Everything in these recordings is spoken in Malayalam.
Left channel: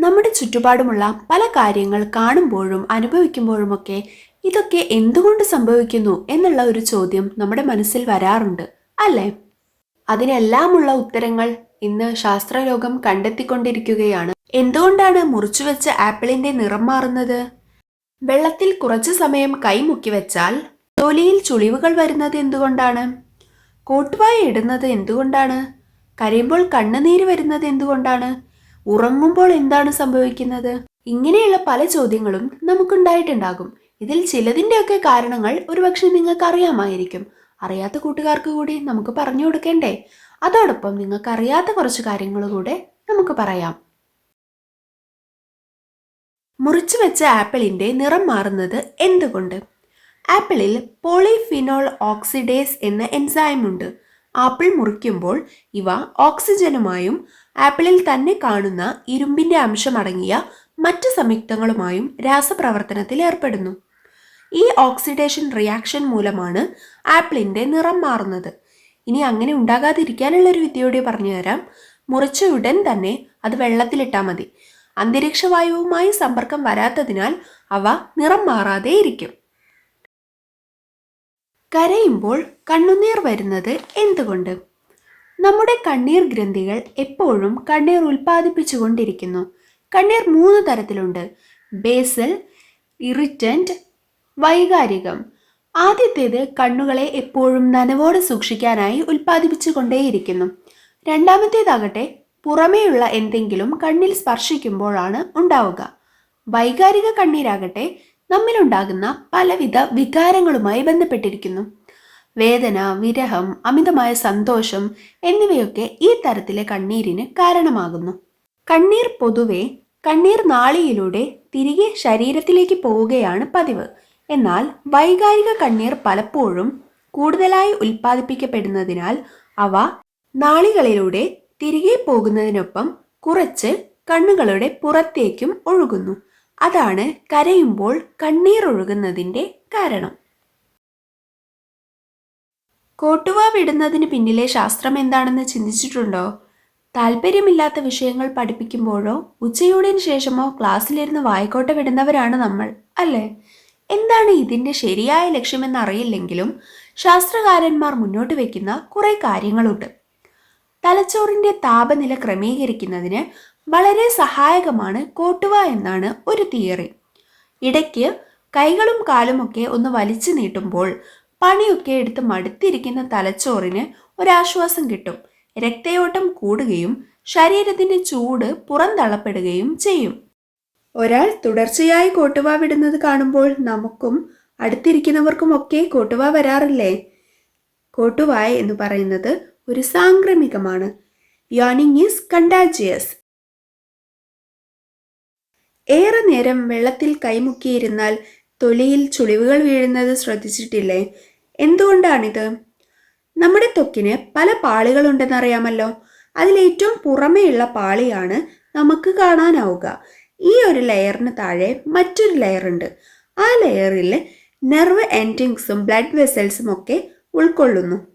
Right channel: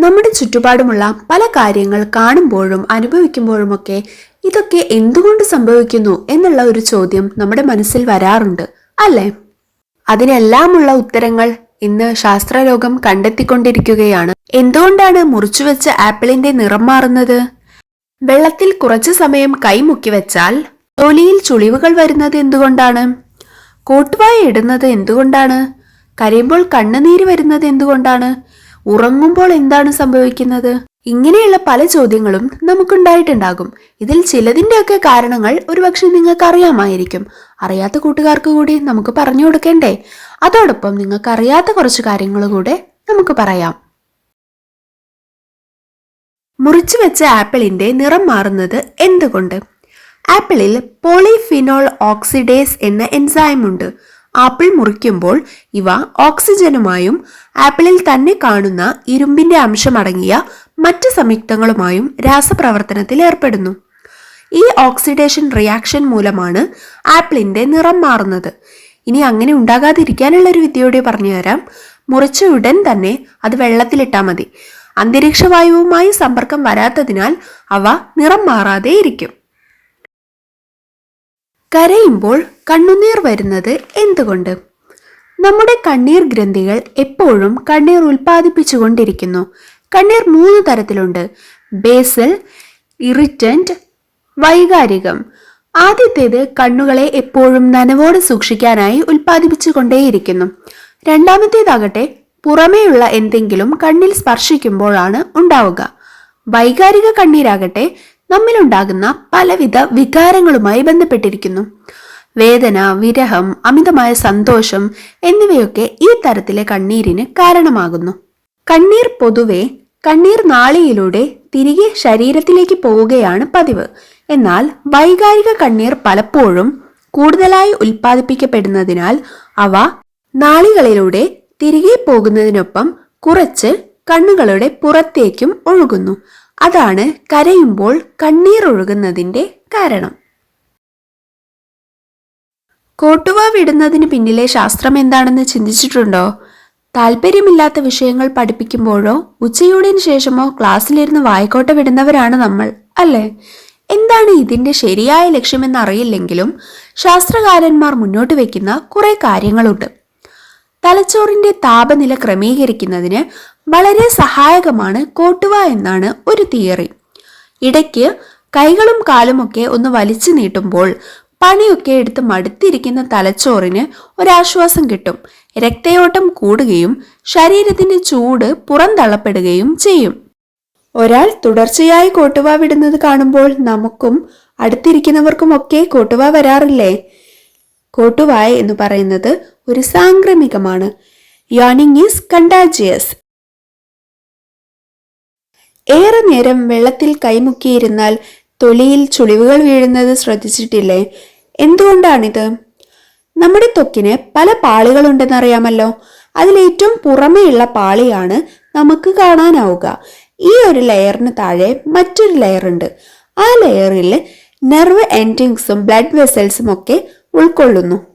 നമ്മുടെ ചുറ്റുപാടുമുള്ള പല കാര്യങ്ങൾ കാണുമ്പോഴും അനുഭവിക്കുമ്പോഴുമൊക്കെ ഇതൊക്കെ എന്തുകൊണ്ട് സംഭവിക്കുന്നു എന്നുള്ള ഒരു ചോദ്യം നമ്മുടെ മനസ്സിൽ വരാറുണ്ട് അല്ലേ? അതിനെല്ലാമുള്ള ഉത്തരങ്ങൾ ഇന്ന് ശാസ്ത്രലോകം കണ്ടെത്തിക്കൊണ്ടിരിക്കുകയാണ്. എന്തുകൊണ്ടാണ് മുറിച്ചുവെച്ച ആപ്പിളിന്റെ നിറം മാറുന്നത്? വെള്ളത്തിൽ കുറച്ചു സമയം കൈമുക്കി വെച്ചാൽ തൊലിയിൽ ചുളിവുകൾ വരുന്നത് എന്തുകൊണ്ടാണ്? കോട്ടുവായ ഇടുന്നത് എന്തുകൊണ്ടാണ്? കരയുമ്പോൾ കണ്ണുനീര് വരുന്നത് എന്തുകൊണ്ടാണ്? ഉറങ്ങുമ്പോൾ എന്താണ് സംഭവിക്കുന്നത്? ഇങ്ങനെയുള്ള പല ചോദ്യങ്ങളും നമുക്കുണ്ടായിട്ടുണ്ടാകും. ഇതിൽ ചിലതിന്റെയൊക്കെ കാരണങ്ങൾ ഒരുപക്ഷെ നിങ്ങൾക്ക് അറിയാമായിരിക്കും അറിയാത്ത കൂട്ടുകാർക്ക് കൂടി നമുക്ക് പറഞ്ഞു കൊടുക്കണ്ടേ? അതോടൊപ്പം നിങ്ങൾക്ക് അറിയാത്ത കുറച്ച് കാര്യങ്ങൾ കൂടെ നമുക്ക് പറയാം. മുറിച്ചു വെച്ച ആപ്പിളിന്റെ നിറം മാറുന്നത് എന്തുകൊണ്ട്? ആപ്പിളിൽ പോളിഫിനോൾ ഓക്സിഡേസ് എന്ന എൻസൈം ഉണ്ട് ആപ്പിൾ മുറിക്കുമ്പോൾ ഇവ ഓക്സിജനുമായും ആപ്പിളിൽ തന്നെ കാണുന്ന ഇരുമ്പിന്റെ അംശമടങ്ങിയ മറ്റ് സംയുക്തങ്ങളുമായും രാസപ്രവർത്തനത്തിൽ ഏർപ്പെടുന്നു. ഈ ഓക്സിഡേഷൻ റിയാക്ഷൻ മൂലമാണ് ആപ്പിളിന്റെ നിറം മാറുന്നത്. ഇനി അങ്ങനെ ഉണ്ടാകാതിരിക്കാനുള്ള ഒരു വിദ്യയോടെ പറഞ്ഞുതരാം മുറിച്ച ഉടൻ തന്നെ അത് വെള്ളത്തിലിട്ടാൽ മതി. അന്തരീക്ഷ വായുവുമായി സമ്പർക്കം വരാത്തതിനാൽ അവ നിറം മാറാതെ ഇരിക്കും. കരയുമ്പോൾ കണ്ണുനീർ വരുന്നത് എന്തുകൊണ്ട്? നമ്മുടെ കണ്ണീർ ഗ്രന്ഥികൾ എപ്പോഴും കണ്ണീർ ഉൽപ്പാദിപ്പിച്ചുകൊണ്ടിരിക്കുന്നു. കണ്ണീർ മൂന്ന് തരത്തിലുണ്ട്. ബേസൽ ഇറിറ്റന്റ് വൈകാരികം. ആദ്യത്തേത് കണ്ണുകളെ എപ്പോഴും നനവോടെ സൂക്ഷിക്കാനായി ഉൽപ്പാദിപ്പിച്ചുകൊണ്ടേയിരിക്കുന്നു. രണ്ടാമത്തേതാകട്ടെ പുറമേയുള്ള എന്തെങ്കിലും കണ്ണിൽ സ്പർശിക്കുമ്പോഴാണ് ഉണ്ടാവുക. വൈകാരിക കണ്ണീരാകട്ടെ നമ്മിലുണ്ടാകുന്ന പലവിധ വികാരങ്ങളുമായി ബന്ധപ്പെട്ടിരിക്കുന്നു. വേദന വിരഹം അമിതമായ സന്തോഷം എന്നിവയൊക്കെ ഈ തരത്തിലെ കണ്ണീരിന് കാരണമാകുന്നു. കണ്ണീർ പൊതുവെ കണ്ണീർ നാളിയിലൂടെ തിരികെ ശരീരത്തിലേക്ക് പോവുകയാണ് പതിവ്. എന്നാൽ വൈകാരിക കണ്ണീർ പലപ്പോഴും കൂടുതലായി ഉൽപ്പാദിപ്പിക്കപ്പെടുന്നതിനാൽ അവ നാളികളിലൂടെ തിരികെ പോകുന്നതിനൊപ്പം കുറച്ച് കണ്ണുകളുടെ പുറത്തേക്കും ഒഴുകുന്നു. അതാണ് കരയുമ്പോൾ കണ്ണീർ ഒഴുകുന്നതിന്റെ കാരണം. കോട്ടുവ വിടുന്നതിന് പിന്നിലെ ശാസ്ത്രം എന്താണെന്ന് ചിന്തിച്ചിട്ടുണ്ടോ? താല്പര്യമില്ലാത്ത വിഷയങ്ങൾ പഠിപ്പിക്കുമ്പോഴോ ഉച്ചയൂടിന് ശേഷമോ ക്ലാസ്സിലിരുന്ന് വായിക്കോട്ട വിടുന്നവരാണ് നമ്മൾ അല്ലേ? എന്താണ് ഇതിന്റെ ശരിയായ ലക്ഷ്യമെന്ന് അറിയില്ലെങ്കിലും ശാസ്ത്രകാരന്മാർ മുന്നോട്ട് വയ്ക്കുന്ന കുറേ കാര്യങ്ങളുണ്ട്. തലച്ചോറിന്റെ താപനില ക്രമീകരിക്കുന്നതിന് വളരെ സഹായകമാണ് കോട്ടുവ എന്നാണ് ഒരു തിയറി. ഇടയ്ക്ക് കൈകളും കാലുമൊക്കെ ഒന്ന് വലിച്ചു നീട്ടുമ്പോൾ പണിയൊക്കെ എടുത്ത് മടുത്തിരിക്കുന്ന തലച്ചോറിന് ഒരാശ്വാസം കിട്ടും. രക്തയോട്ടം കൂടുകയും ശരീരത്തിന്റെ ചൂട് പുറന്തള്ളപ്പെടുകയും ചെയ്യും. ഒരാൾ തുടർച്ചയായി കോട്ടുവ വിടുന്നത് കാണുമ്പോൾ നമുക്കും അടുത്തിരിക്കുന്നവർക്കുമൊക്കെ കോട്ടുവ വരാറില്ലേ? കോട്ടുവായ എന്ന് പറയുന്നത് ഒരു സാംക്രമികമാണ്. യോണിങ് ഈസ് കണ്ടാജിയസ് ഏറെ നേരം വെള്ളത്തിൽ കൈമുക്കിയിരുന്നാൽ തൊലിയിൽ ചുളിവുകൾ വീഴുന്നത് ശ്രദ്ധിച്ചിട്ടില്ലേ? എന്തുകൊണ്ടാണിത്? നമ്മുടെ ത്വക്കിന് പല പാളികളുണ്ടെന്നറിയാമല്ലോ. അതിലേറ്റവും പുറമേയുള്ള പാളിയാണ് നമുക്ക് കാണാനാവുക. ഈ ഒരു ലെയറിന് താഴെ മറ്റൊരു ലെയറുണ്ട്. ആ ലെയറിൽ നെർവ് എൻഡിങ്സും ബ്ലഡ് വെസൽസും ഒക്കെ ഉൾക്കൊള്ളുന്നു.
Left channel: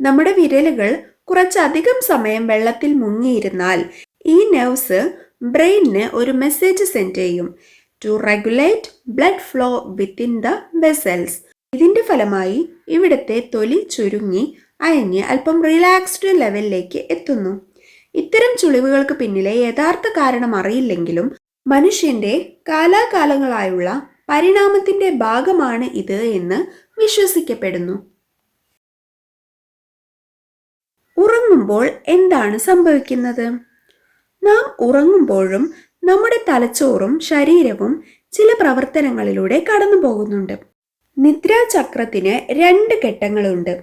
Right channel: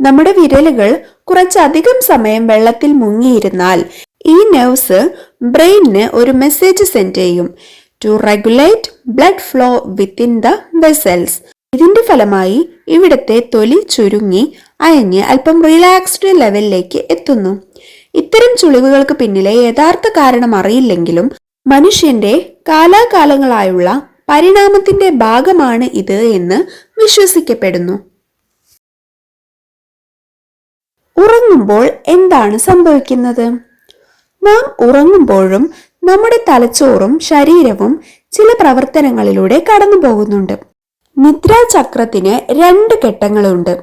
നമ്മുടെ വിരലുകൾ കുറച്ചധികം സമയം വെള്ളത്തിൽ മുങ്ങിയിരുന്നാൽ ഈ നെർവ്സ് ബ്രെയിനിന് ഒരു മെസ്സേജ് സെൻഡ് ചെയ്യും. To regulate blood flow within the vessels ഇതിന്റെ ഫലമായി ഇവിടത്തെ തൊലി ചുരുങ്ങി അയഞ്ഞ് അല്പം റിലാക്സ്ഡ് ലെവലിലേക്ക് എത്തുന്നു. ഇത്തരം ചുളിവുകൾക്ക് പിന്നിലെ യഥാർത്ഥ കാരണം അറിയില്ലെങ്കിലും മനുഷ്യന്റെ കാലാകാലങ്ങളായുള്ള പരിണാമത്തിന്റെ ഭാഗമാണ് ഇത് എന്ന് വിശ്വസിക്കപ്പെടുന്നു. ഉറങ്ങുമ്പോൾ എന്താണ് സംഭവിക്കുന്നത്? നാം ഉറങ്ങുമ്പോഴും നമ്മുടെ തലച്ചോറും ശരീരവും ചില പ്രവർത്തനങ്ങളിലൂടെ കടന്നു പോകുന്നുണ്ട് നിദ്രാചക്രത്തിന് രണ്ട് ഘട്ടങ്ങളുണ്ട്.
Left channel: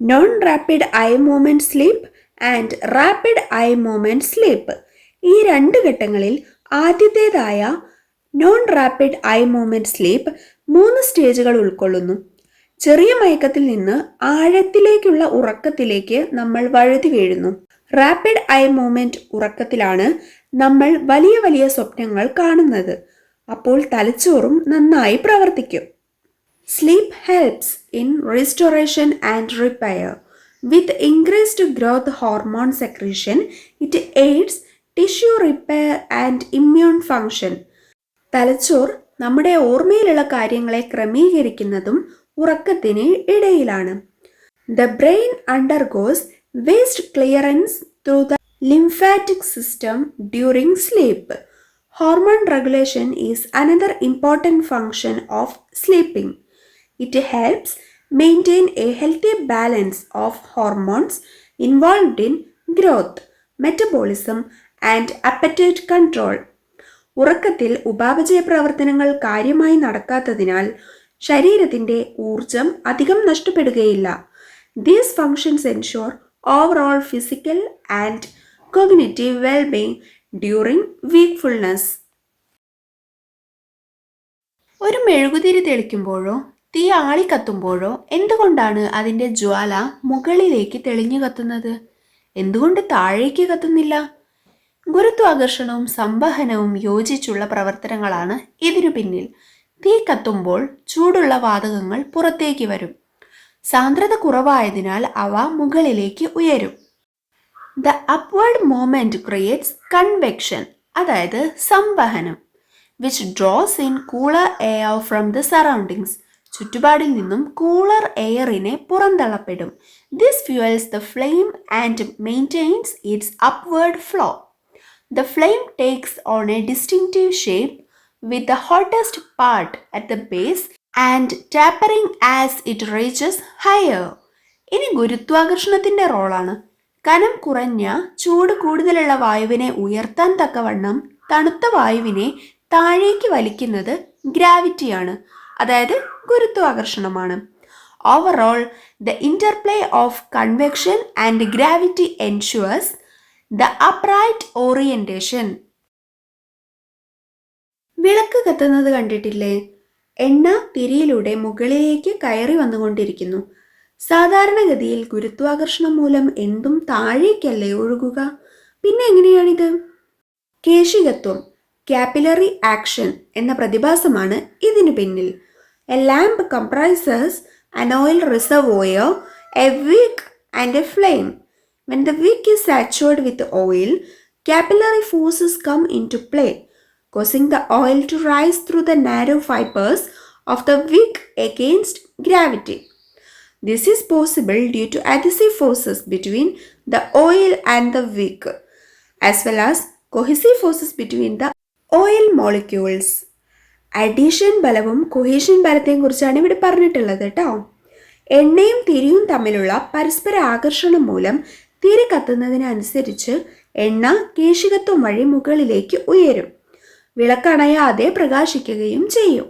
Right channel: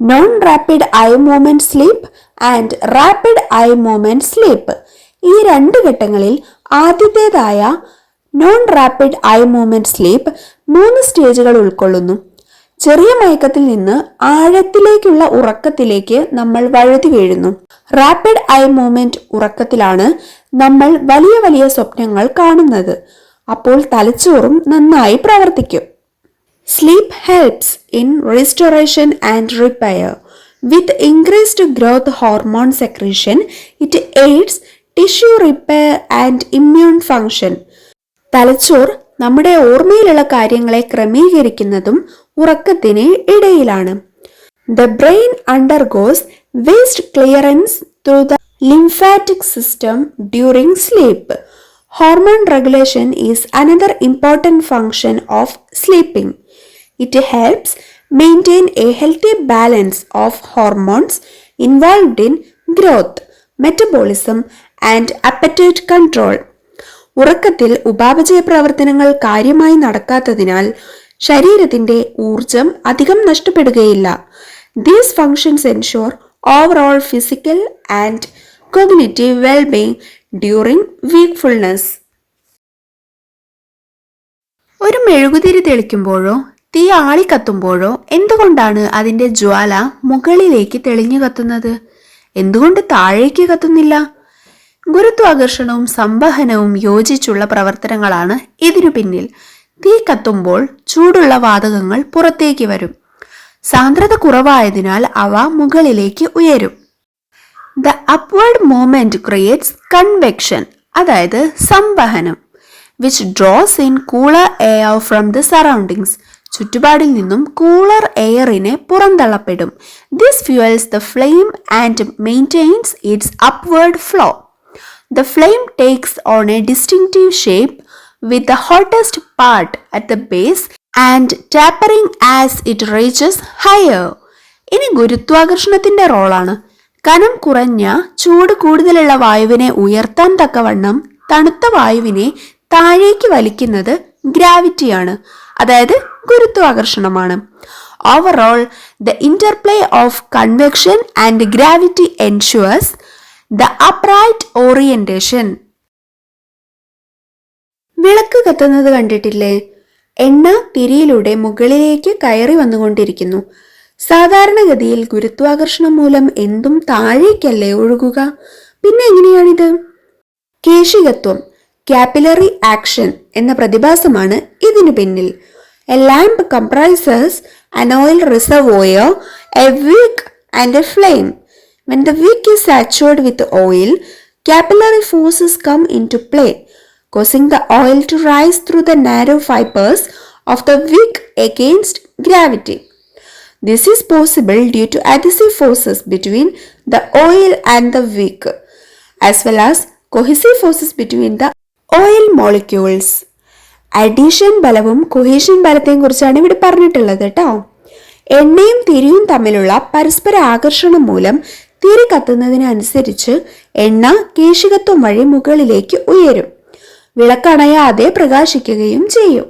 Non rapid eye movement sleep and rapid eye movement sleep ഈ രണ്ട് ഘട്ടങ്ങളിൽ ആദ്യത്തേതായ non rapid eye movement sleep മൂന്ന് സ്റ്റേജുകൾ ഉൾക്കൊള്ളുന്നു. ചെറിയ മയക്കത്തിൽ നിന്ന് ആഴത്തിലേക്കുള്ള ഉറക്കത്തിലേക്ക് നമ്മൾ വഴുതി വീഴുന്നു. റാപ്പിഡ് ഐ മൂവ്മെന്റ് ഉറക്കത്തിലാണ് നമ്മൾ വലിയ വലിയ സ്വപ്നങ്ങൾ കാണുന്നത്. അപ്പോൾ തലച്ചോറും നന്നായി പ്രവർത്തിക്കും. Sleep helps in restoration and repair with increased growth hormone secretion it aids tissue repair and immune function തലച്ചോർ നമ്മുടെ ഓർമ്മയിലുള്ള കാര്യങ്ങളെ ക്രമീകരിക്കുന്നതും ഉറക്കത്തിന് ഇടയിലാണ്. The brain undergoes waste clearance through the lymphatic system during sleep hormone regulation is another important function of sleeping it helps maintain a healthy balance of hormones involved in growth metabolism and appetite control ഉറക്കത്തിൽ ഉപാപചയ പ്രവർത്തനങ്ങൾ കാര്യമായി നടക്കാത്തതിനാൽ ശരീരത്തിന്റെ ഊർജം അധികം നഷ്ടപ്പെടുകയില്ല. These functions ensure overall physical and cognitive wellbeing during wakefulness ഒരു മെഴുകുതിരി തെളിക്കുമ്പോഴോ തീ ആളിക്കത്തുമ്പോഴോ എന്തുകൊണ്ടാണ് അതിന്റെ ജ്വാല മുകളിലേക്ക് തെളിഞ്ഞു കത്തുന്നത്? എന്തുകൊണ്ട് താഴേക്ക് കത്തുന്നില്ല? ഗുരുത്വാകർഷണവും സംവഹനവും യോജിച്ചുള്ള പ്രവർത്തനങ്ങളാണ് ഇതിനു പിന്നിൽ. തീ കത്തുമ്പോൾ ചൂടുള്ള വാതകങ്ങൾ പുറത്തേക്ക് വരും. സാന്ദ്രത കുറവായതിനാൽ അവ മുകളിലേക്ക് ഉയരും. The upward movement creates convection അതായത് സംവഹനം which draws in cooler air from the surroundings ചുറ്റുപാടിൽ നിന്നും കൂളർ എയറിനെ പുറന്തള്ളപ്പെടും. This fuels the flame and maintains its upward flow the flame takes on a distinctive shape with the hottest part at the base and tapering as it reaches higher. ഇനി ഗുരുത്വാകർഷണത്തിന്റെ റോളാണ് കനം കുറഞ്ഞ ചൂട് കൂടുതലുള്ള വായുവിനെ ഉയർത്താൻ തക്കവണ്ണം തണുത്ത വായുവിനെ താഴേക്ക് വലിക്കുന്നത് ഗ്രാവിറ്റിയാണ് അതായത് ഗുരുത്വാകർഷണമാണ്. Overall the interplay of convection and gravity ensures the upright orientation വിളക്ക് കത്തുന്നത് കണ്ടിട്ടില്ലേ? എണ്ണ തിരിയിലൂടെ മുകളിലേക്ക് കയറി വന്നുകൊണ്ടിരിക്കുന്നു. സാധാരണഗതിയിൽ ഗുരുത്വാകർഷണം മൂലം എന്തും താഴേക്കല്ലേ ഒഴുകുക? പിന്നെ എങ്ങനെയാണിത്? കേശികത്വം ക്യാപ്പിലറി ആക്ഷൻ എന്ന പ്രതിഭാസമാണ് ഇതിനു പിന്നിൽ. A lamp comprises an oil reservoir, a wick and a flame. When the wick is saturated with oil, capillary forces come into play, causing the oil to rise through the narrow fibers of the wick against gravity. This is possible due to adhesive forces between the oil and the wick, as well as cohesive forces between the oil molecules. Adhesion ബലവും കൊഹീഷൻ ബലത്തെയും കുറിച്ചാണ് ഇവിടെ പറഞ്ഞിട്ടുള്ളത് കേട്ടോ എണ്ണയും തിരിയും തമ്മിലുള്ള പരസ്പര ആകർഷണം മൂലം തിരി കത്തുന്നതിനനുസരിച്ച് എണ്ണ കേശികത്വം വഴി മുകളിലേക്ക് ഉയരും വിളക്കണയാതെ പ്രകാശിക്കുകയും ചെയ്യും.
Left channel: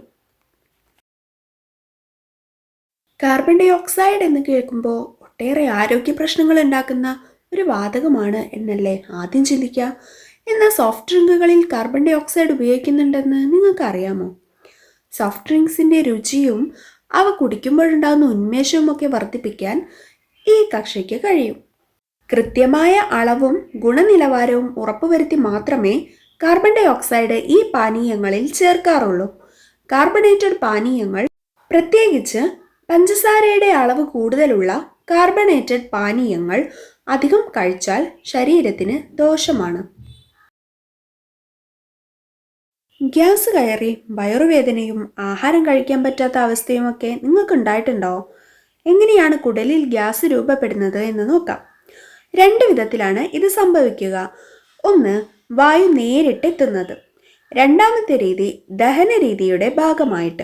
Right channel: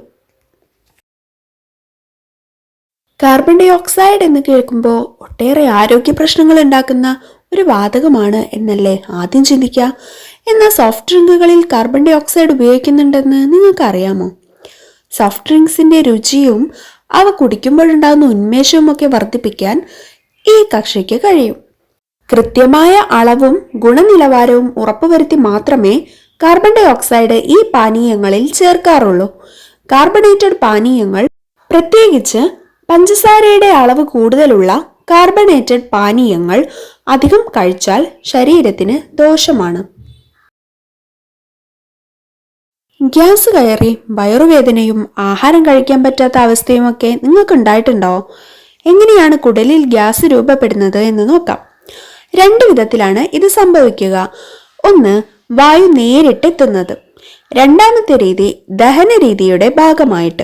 കാർബൺ ഡൈ ഓക്സൈഡ് എന്ന് കേൾക്കുമ്പോൾ ഒട്ടേറെ ആരോഗ്യ പ്രശ്നങ്ങൾ ഉണ്ടാക്കുന്ന ഒരു വാതകമാണ് എന്നല്ലേ ആദ്യം ചിന്തിക്കുക എന്നാൽ സോഫ്റ്റ് ഡ്രിങ്കുകളിൽ കാർബൺ ഡൈ ഓക്സൈഡ് ഉപയോഗിക്കുന്നുണ്ടെന്ന് നിങ്ങൾക്കറിയാമോ? സോഫ്റ്റ് ഡ്രിങ്ക്സിന്റെ രുചിയും അവ കുടിക്കുമ്പോഴുണ്ടാകുന്ന ഉന്മേഷവും ഒക്കെ വർദ്ധിപ്പിക്കാൻ ഈ കക്ഷിക്ക് കഴിയും. കൃത്യമായ അളവും ഗുണനിലവാരവും ഉറപ്പുവരുത്തി മാത്രമേ കാർബൺ ഡൈ ഓക്സൈഡ് ഈ പാനീയങ്ങളിൽ ചേർക്കാറുള്ളൂ. കാർബണേറ്റഡ് പാനീയങ്ങൾ പ്രത്യേകിച്ച് പഞ്ചസാരയുടെ അളവ് കൂടുതലുള്ള കാർബണേറ്റഡ് പാനീയങ്ങൾ അധികം കഴിച്ചാൽ ശരീരത്തിന് ദോഷമാണ്. ഗ്യാസ് കയറി വയറുവേദനയും ആഹാരം കഴിക്കാൻ പറ്റാത്ത അവസ്ഥയുമൊക്കെ നിങ്ങൾക്ക് ഉണ്ടായിട്ടുണ്ടോ എങ്ങനെയാണ് കുടലിൽ ഗ്യാസ് രൂപപ്പെടുന്നത് എന്ന് നോക്കാം. രണ്ട് വിധത്തിലാണ് ഇത് സംഭവിക്കുക. ഒന്ന് വായു നേരിട്ടെത്തുന്നത്. രണ്ടാമത്തെ രീതി ദഹന രീതിയുടെ ഭാഗമായിട്ട്.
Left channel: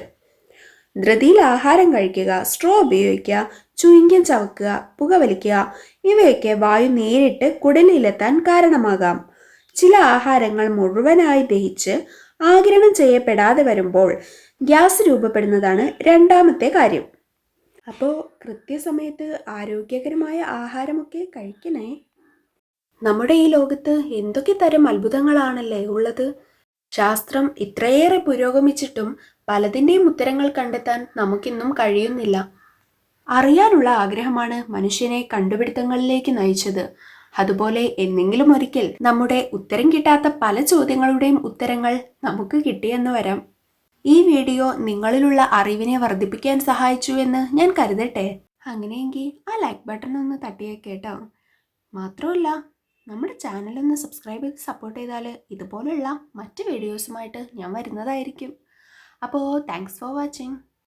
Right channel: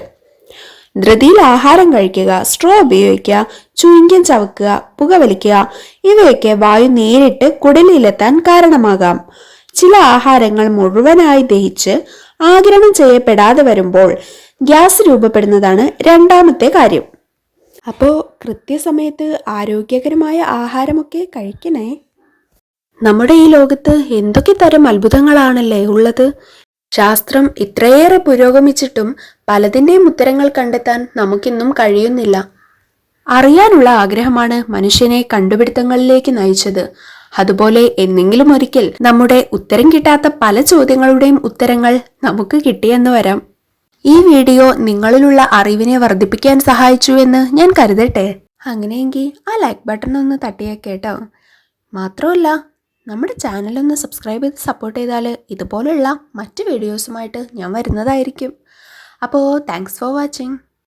ധൃതിയിൽ ആഹാരം കഴിക്കുക സ്ട്രോ ഉപയോഗിക്കുക ചുയിങ്കം ചവക്കുക പുകവലിക്കുക ഇവയൊക്കെ വായു നേരിട്ട് കുടലിലെത്താൻ കാരണമാകാം. ചില ആഹാരങ്ങൾ മുഴുവനായി ദഹിച്ച് ആഗിരണം ചെയ്യപ്പെടാതെ വരുമ്പോൾ ഗ്യാസ് രൂപപ്പെടുന്നതാണ് രണ്ടാമത്തെ കാര്യം. അപ്പോൾ കൃത്യസമയത്ത് ആരോഗ്യകരമായ ആഹാരമൊക്കെ കഴിക്കണേ? നമ്മുടെ ഈ ലോകത്ത് എന്തൊക്കെ തരം അത്ഭുതങ്ങളാണല്ലേ ഉള്ളത്? ശാസ്ത്രം ഇത്രയേറെ പുരോഗമിച്ചിട്ടും പലതിന്റെയും ഉത്തരങ്ങൾ കണ്ടെത്താൻ നമുക്കിന്നും കഴിയുന്നില്ല. അറിയാനുള്ള ആഗ്രഹമാണ് മനുഷ്യനെ കണ്ടുപിടുത്തങ്ങളിലേക്ക് നയിച്ചത്. അതുപോലെ എന്നെങ്കിലും ഒരിക്കൽ നമ്മുടെ ഉത്തരം കിട്ടാത്ത പല ചോദ്യങ്ങളുടെയും ഉത്തരങ്ങൾ നമുക്ക് കിട്ടിയെന്ന് വരാം. ഈ വീഡിയോ നിങ്ങളിലുള്ള അറിവിനെ വർദ്ധിപ്പിക്കാൻ സഹായിച്ചു എന്ന് ഞാൻ കരുതട്ടെ. അങ്ങനെയെങ്കിൽ ആ ലൈക്ക് ബട്ടൺ ഒന്ന് തട്ടിയേക്കേട്ടോ മാത്രമല്ല നമ്മുടെ ചാനലൊന്ന് സബ്സ്ക്രൈബ് ചെയ്ത് സപ്പോർട്ട് ചെയ്താൽ ഇതുപോലുള്ള മറ്റ് വീഡിയോസുമായിട്ട് ഞാൻ വരുന്നതായിരിക്കും. അപ്പോൾ താങ്ക്സ് ഫോർ വാച്ചിങ്